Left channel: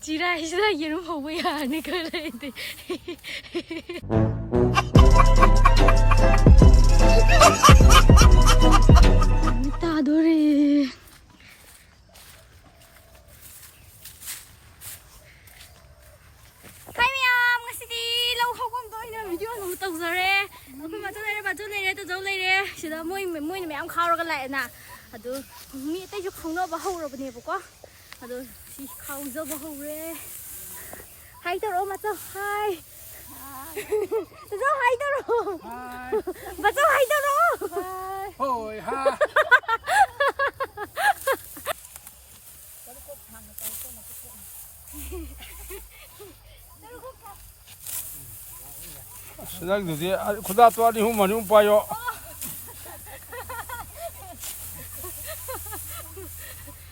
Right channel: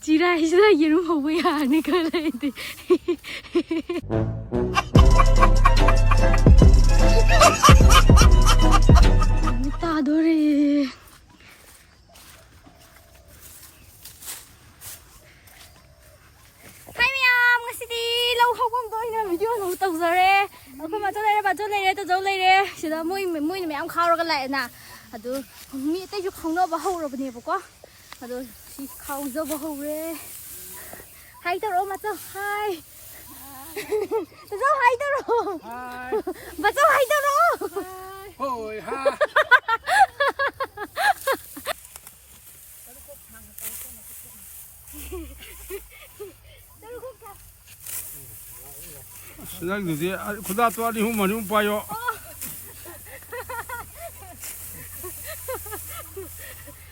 지라이즈라 이름 보고야 아니 그래야지. 따돌이. Lâu không có tôi nên video nó tụt rồi đấy. Không mà cho đây tôi giấu đây đấy. Chỉ là mũi này em khao ra cái lại nè. À tôi nghĩ tới chút không nó bao hậu rồi nhiều quá. À tôi chỉ khao dâu bao hậu đấy. Hay tao rồi mà tôi hay. Dâu hay tao rồi. Hay. Mà dâu hay tao rồi. Ôi ha. Nãy giờ thì khu ta toa đi hôm mà nhung bay rồi.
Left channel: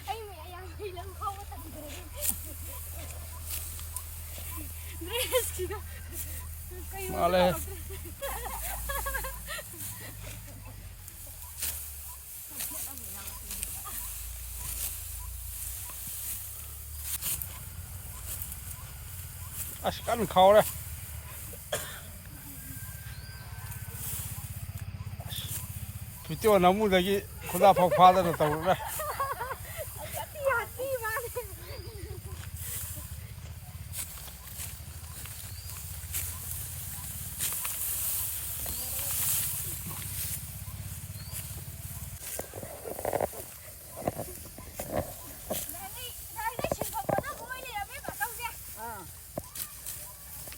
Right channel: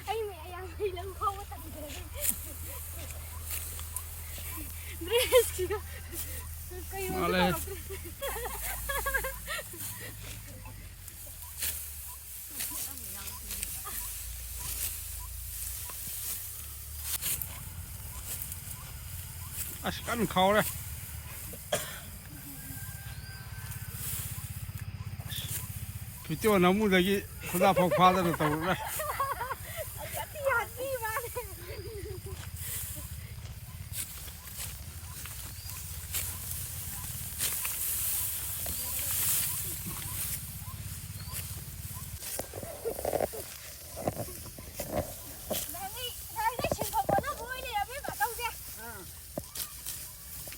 Anh mẹ em đi làm không có tận rồi. Mà lên. Cắn khâu đây. Cái chỗ nó mua cái gì, khu ta phao phao ra rồi tàu đây.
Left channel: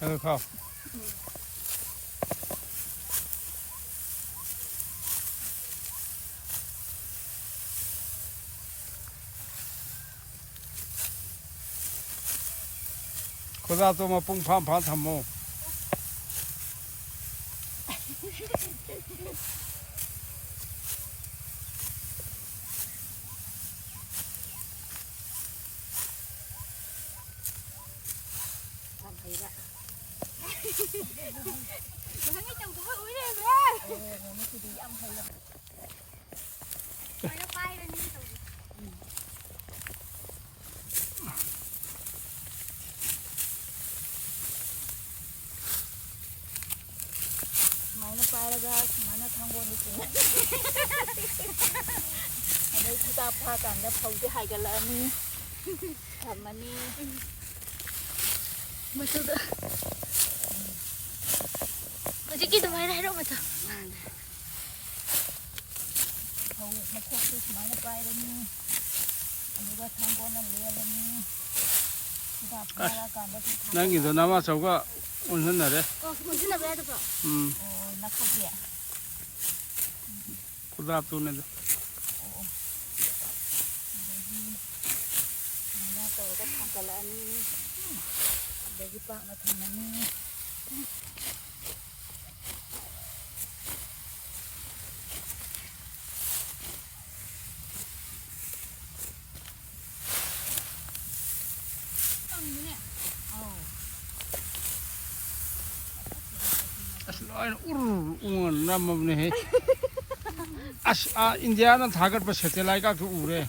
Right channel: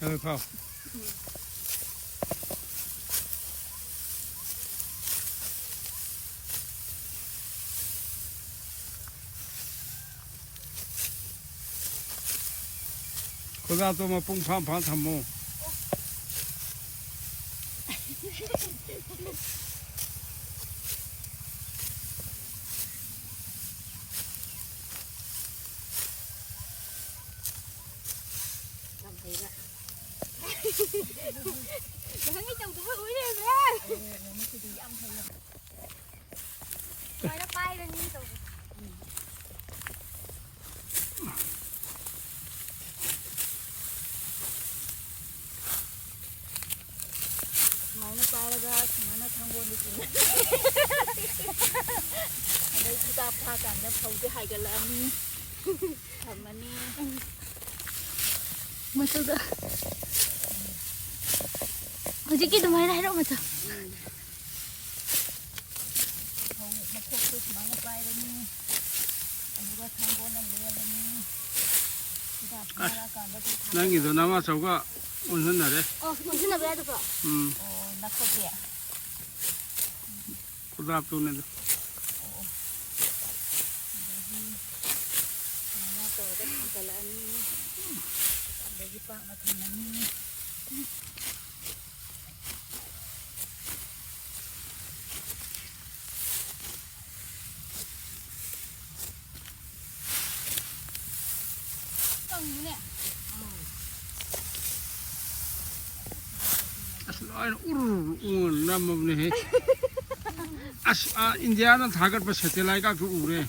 Được không? Khu ta tôi mà bung pham pham thầm mồ. Hắn cái chồng cũng phải uống lên ra. Rồi nó bay lên đi tụi. Mày nó bay ra, mày nó thang quân đi chứ. Ở đây chúng ta pha toàn nó phồng cái hai cái lợn đi. Thầm mà đi. Mình sao được? Tôi chỉ biết tụi mày đây đâu mà sao? Không, mà khóc tôi mà nó bay ra đi. Anh ấy thang quân nó lừa lên đi. Nãy giờ nó mà sao có ôn hơn rồi đấy. 무슨 날 해야 돼, 봐. 낙법이야. khu ta tôi này. 내가 또 어디 잠깐 여기 딱 나타나니. 뭐네? Ur nam này India nó thả cái satellite các cái ure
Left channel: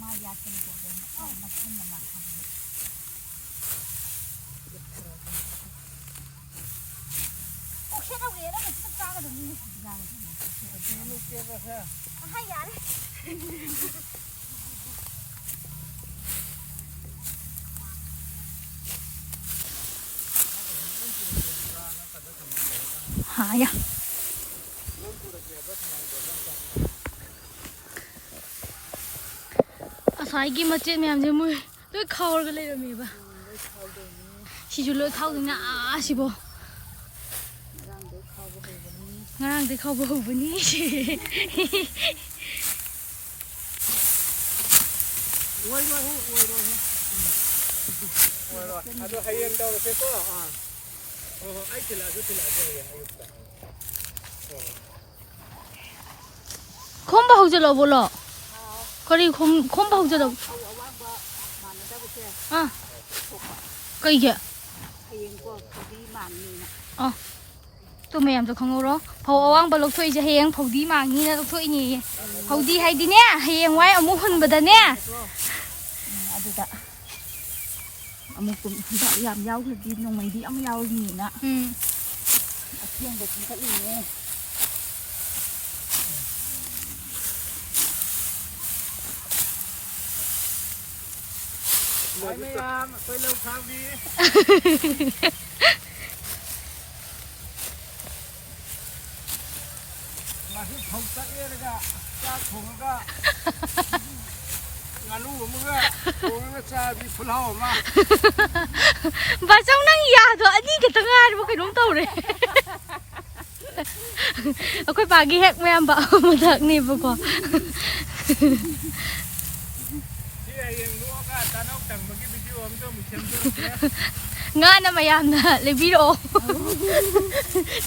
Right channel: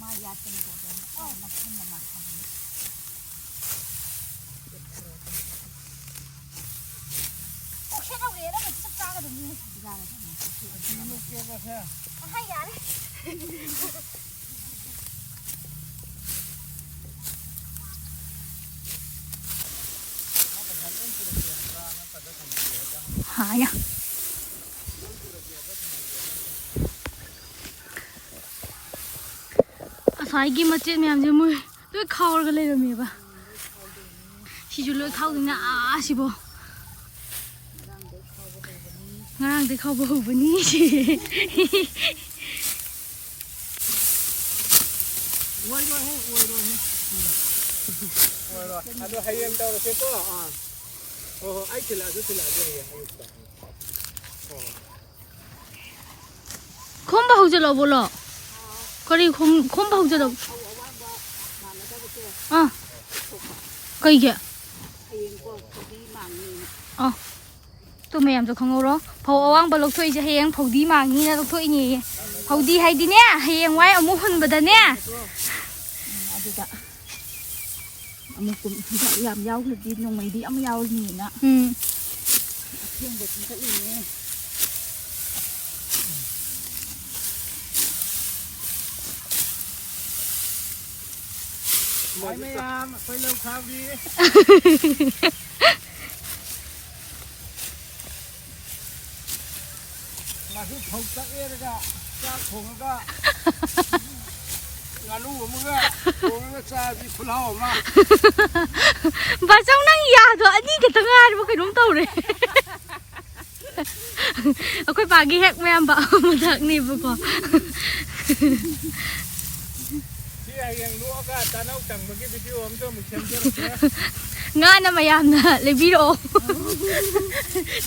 마야 때문에 나 푼다 막 하는. 혹시나 왜 이래? 싹싹하게 되는 거야. 하야. 사이기 멋진 냠지 물. 왜 카워를 내려미 봐. 시줄로 타오냐 아시보. ngang thì không bầu bữa ní không bầu giờ lo bồ lo có đi không bầu giờ lo à cây kìa tụi mẹ cho không đó phao ăn bao lộc thuê cho hiền phao đi mà nghe lộc thuê nhỉ phao đi hay đi nè hiền quay ở mua hình bật nè một tuần chúng ta làm rau thì đi nông mày đi ăn rau gì nè thiên được chúng ta điมาที่ผมตะเอ๊ะก็จ้าผมก็งานลูกมึงก็ผมก็จะมีพลาวมา bà trong năng già rồi anh đi cái thằng ai mà cái đúng tàu này cái bà ghi hết mẹ bảo một thằng này vừa còn ที่ไอ้ยังลูกก็ตาน้องแต่งเมื่อกี้ไปที่ผมก็มีเข็มด้วย ngon mà yam na le video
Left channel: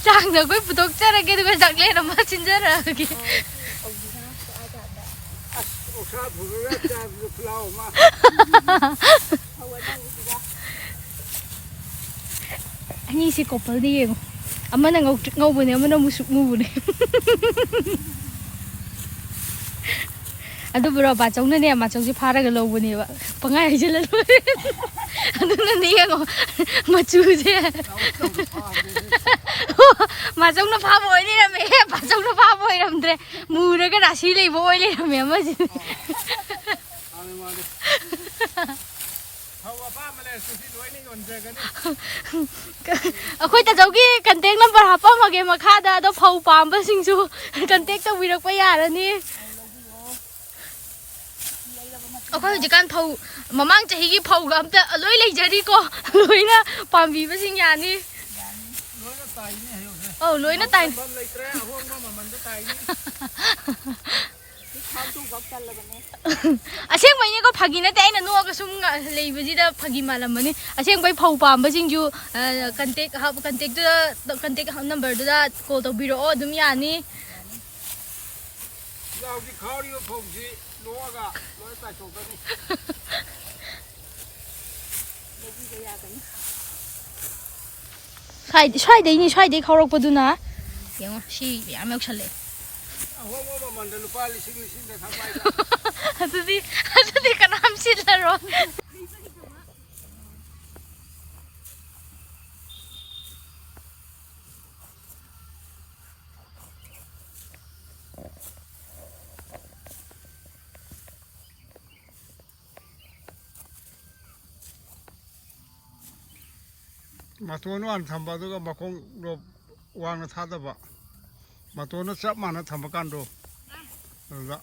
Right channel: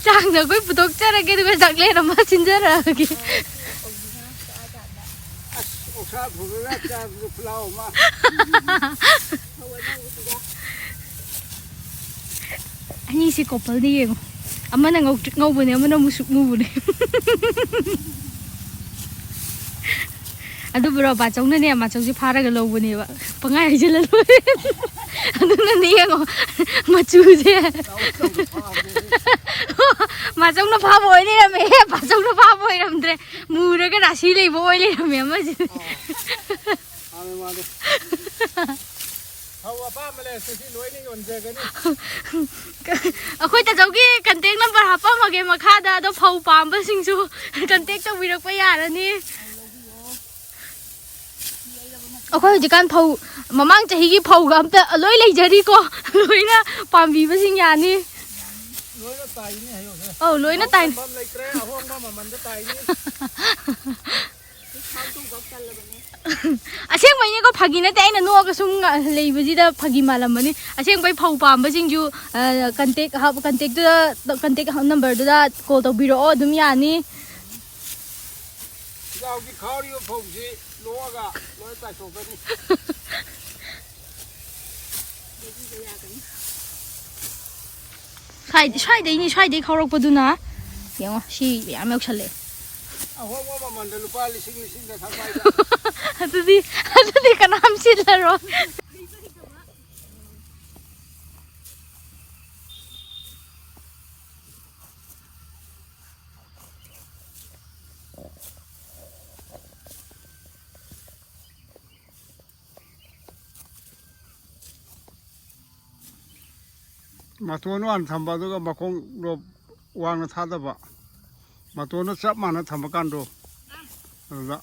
chang rồi cái phụ thuộc ra cái cái giặc lên mà chín ra rồi kì โอ้ข้าผมก็จะมีพลาวมา anh sẽ copal đi em amma na ngau bune amma na musuk mu bune adu bro ba chong ne ma chong si phara ga lo bune ba pangai je le adu na ni ngo ma chu de ma chong na pha boy ni me ba chong na pha boy ram de mu de ga da si le boy le me ma ji อะไรมาเนี่ยเขาว่าป้ามาเลยสุดที่รวยนี่ก่อนเจอกันนี่ akhoi ta jogi contact number hapa mage makha da do phau pam ba sing chu contact to wirak pa ya ra ni akhoi ji kan phau mamang chahi gi phau ga amta loi lei jari ko loi na pam bi ba sing ya ni รวยก็ตายนี่ให้อยู่เนี่ย loi na tai ปั๊มเลยแกร่ห้องมามันจะตายนี่ aseng mai ne ko phagi na te na no ka sung lei bu ji da phagi malam ni aseng bai phau pam ba sing ju contact ha contact number da call to biro dum ya ni เราที่เขาเรียกผมสิรู้ก็รู้ใส่ส่งกันนี่ ช่วยได้เขารกปะดูนะเดี๋ยวชีอย่าไม่เอาฉันเลย เอาห้องว่ามันเดินไปลิซิงจะทำไป ฮัตดีกันน้ำชิดแล้วรอ มาตัวนู้นทำไปตัวก็มาคงรบวางในท่าตะบะมาตัวนู้นจับมันทำประกันดูละ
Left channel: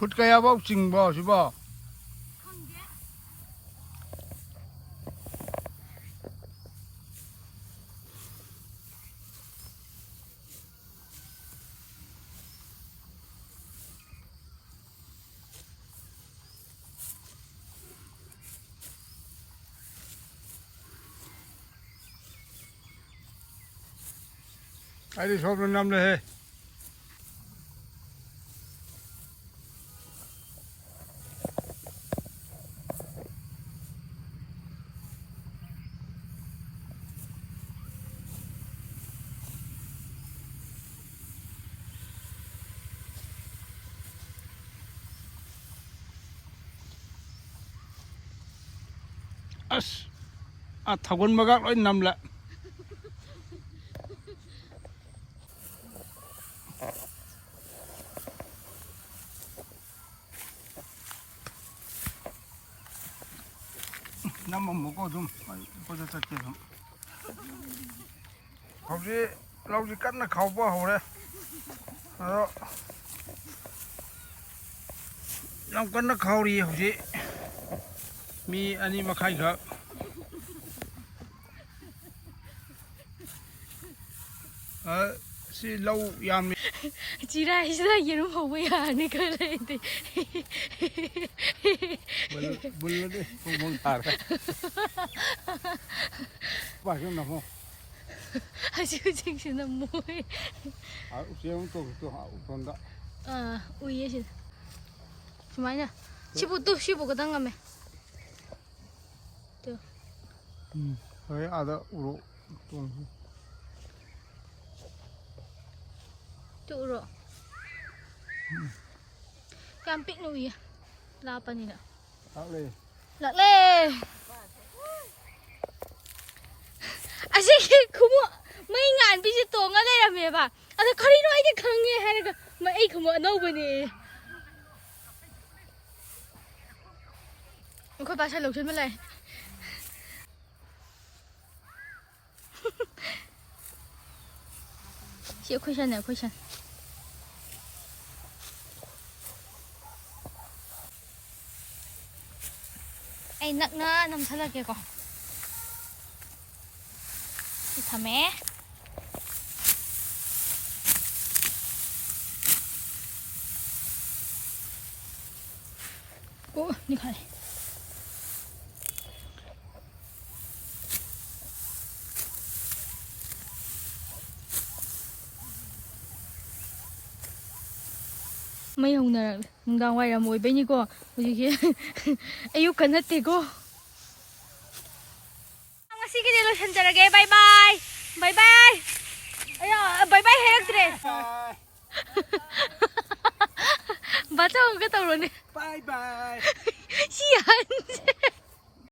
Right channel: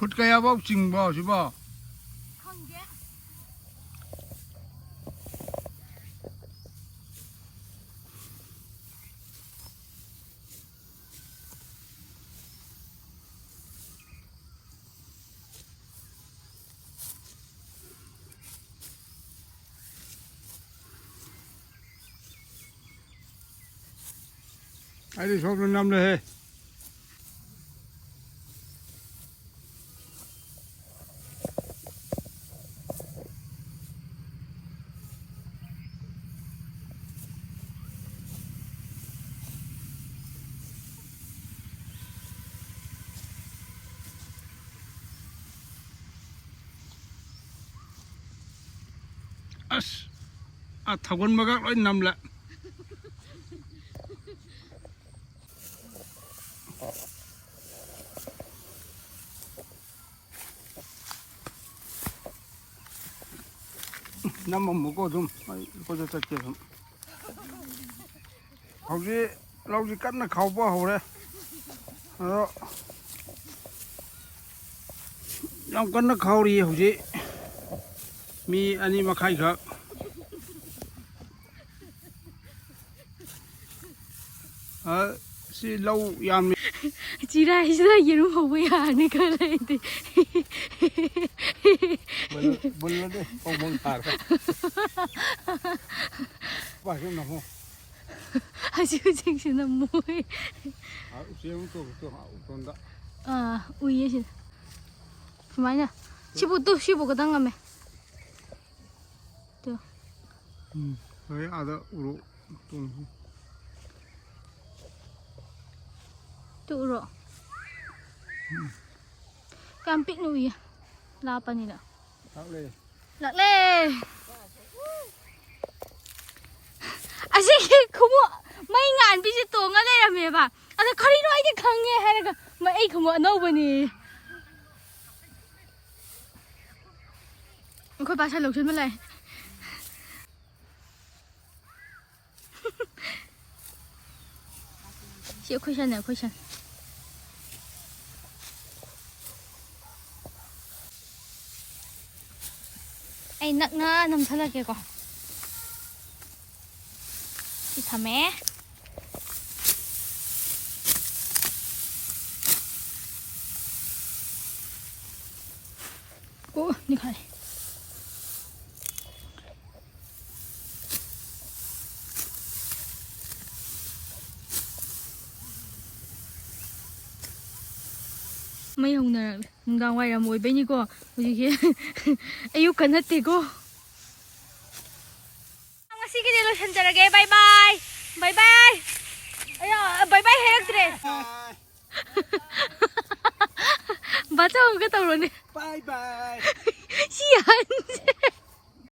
พุทธกายบ่จริงบ่ใช่บ่ ꯑꯩꯗꯤ ꯁꯣꯝꯗ ꯅꯝꯂꯦꯍꯦ ꯑꯁ ꯊꯧꯒꯟꯕꯒ ꯂꯣꯏ ꯅꯝꯂꯦ ꯅꯝꯃꯝꯃꯨꯀꯣ ꯑꯗꯨꯝ ꯀꯣꯏꯆꯠ ꯆꯠꯀꯦ ꯑꯗꯨꯝ ꯍꯧꯖꯤꯛ ꯂꯧꯁꯤ ꯀꯟꯅ ꯈꯥꯎꯕ ꯍꯧꯔꯦ ꯑꯗꯣ ꯌꯥꯝ ꯀꯟꯅ ꯈꯥꯎꯔꯤ ꯍꯧꯖꯤꯛ ꯃꯤ 2 ꯃꯈꯥꯏꯈꯛ ꯁꯤ ꯂꯧ ꯌꯥꯝꯃꯤ ꯆꯤꯔꯥꯏꯁꯤꯗ ꯌꯦꯔꯨꯝ ꯍꯧꯕ ꯌꯥꯔꯅꯤ ꯈꯔ ꯂꯩꯔꯗꯤ ꯕꯨꯜꯂꯗꯤ ꯄꯣꯡꯄꯣꯡ ꯊꯥꯔꯦ ꯄꯥꯏꯈꯣ ꯅꯃꯣ ꯍꯧꯖꯤꯛꯁꯤꯅ ꯃꯣꯏ ꯎꯆꯦꯛ ꯑꯃꯨꯛ ꯇꯧꯔꯤꯁꯨ ꯎꯇꯣꯟꯗ ꯎꯏꯌꯦ ꯁꯤꯗ ꯁꯨꯃꯥꯏꯅ ꯁꯤꯕꯨ ꯈꯇꯪ ꯉꯝꯃꯦ ꯍꯣꯏ ꯑꯥꯗ ꯎꯔꯣ ꯇꯣꯡꯁꯤ ꯎꯔꯣ ꯌꯥꯝ ꯄꯤꯛꯅ ꯎꯏꯌꯦ ꯂꯥꯞꯄꯅꯤꯅ ꯂꯥꯛꯂꯦ ꯑꯁꯤꯒꯤ ꯈꯣꯡꯎꯞ ꯃꯩ ꯉꯥꯟꯕꯤꯁꯦ ꯇꯣꯡꯉ ꯂꯩꯔꯝꯃꯦꯕ ꯑꯗꯣ ꯀꯔꯤꯅꯣ ꯑꯩꯗꯤ ꯈꯪꯉꯦ ꯍꯥꯏꯔꯒ ꯑꯩ ꯈꯣꯡꯎꯞ ꯑꯅꯧꯕꯅꯤ ꯑꯩꯈꯣꯏ ꯄꯥꯁꯜ ꯂꯧꯁꯤꯟꯕ ꯂꯥꯛꯑꯦ ꯁꯤ ꯑꯩꯈꯣꯏ ꯁꯟꯅꯦ ꯑꯩꯈꯣꯏ ꯁꯟ ꯑꯩ ꯅꯛꯅ ꯅꯝꯊꯜꯂꯛꯀꯦꯀꯣ ꯁꯤ ꯊꯝꯃꯦ ꯑꯣ ꯅꯤꯈꯥꯏ ꯃꯩ ꯍꯧꯅꯔꯛꯂꯦ ꯅꯨꯡꯗꯥꯡ ꯋꯥꯏꯔꯝ ꯑꯣꯏꯕꯩꯅꯤꯀꯣ ꯍꯧꯖꯤꯛꯁꯦ ꯑꯌꯨꯛꯀ ꯅꯠꯇꯦꯀꯣ ꯉꯁꯤꯒꯤꯗꯤ ꯂꯣꯏꯁꯤꯟꯖꯔꯒꯦ ꯕꯥꯏ ꯕꯥꯏ ꯕꯥꯏ ꯕꯥꯏ ꯑꯌꯥ ꯕꯥꯏ ꯕꯥꯏ ꯍꯥꯏꯔꯛꯇ꯭ꯔꯦ ꯕꯥꯆꯧ ꯑꯃꯨꯛꯀ ꯇꯧꯔꯣꯅꯦ ꯕꯥꯏ ꯕꯥꯏ ꯁꯤ ꯌꯥꯍꯟꯁꯦ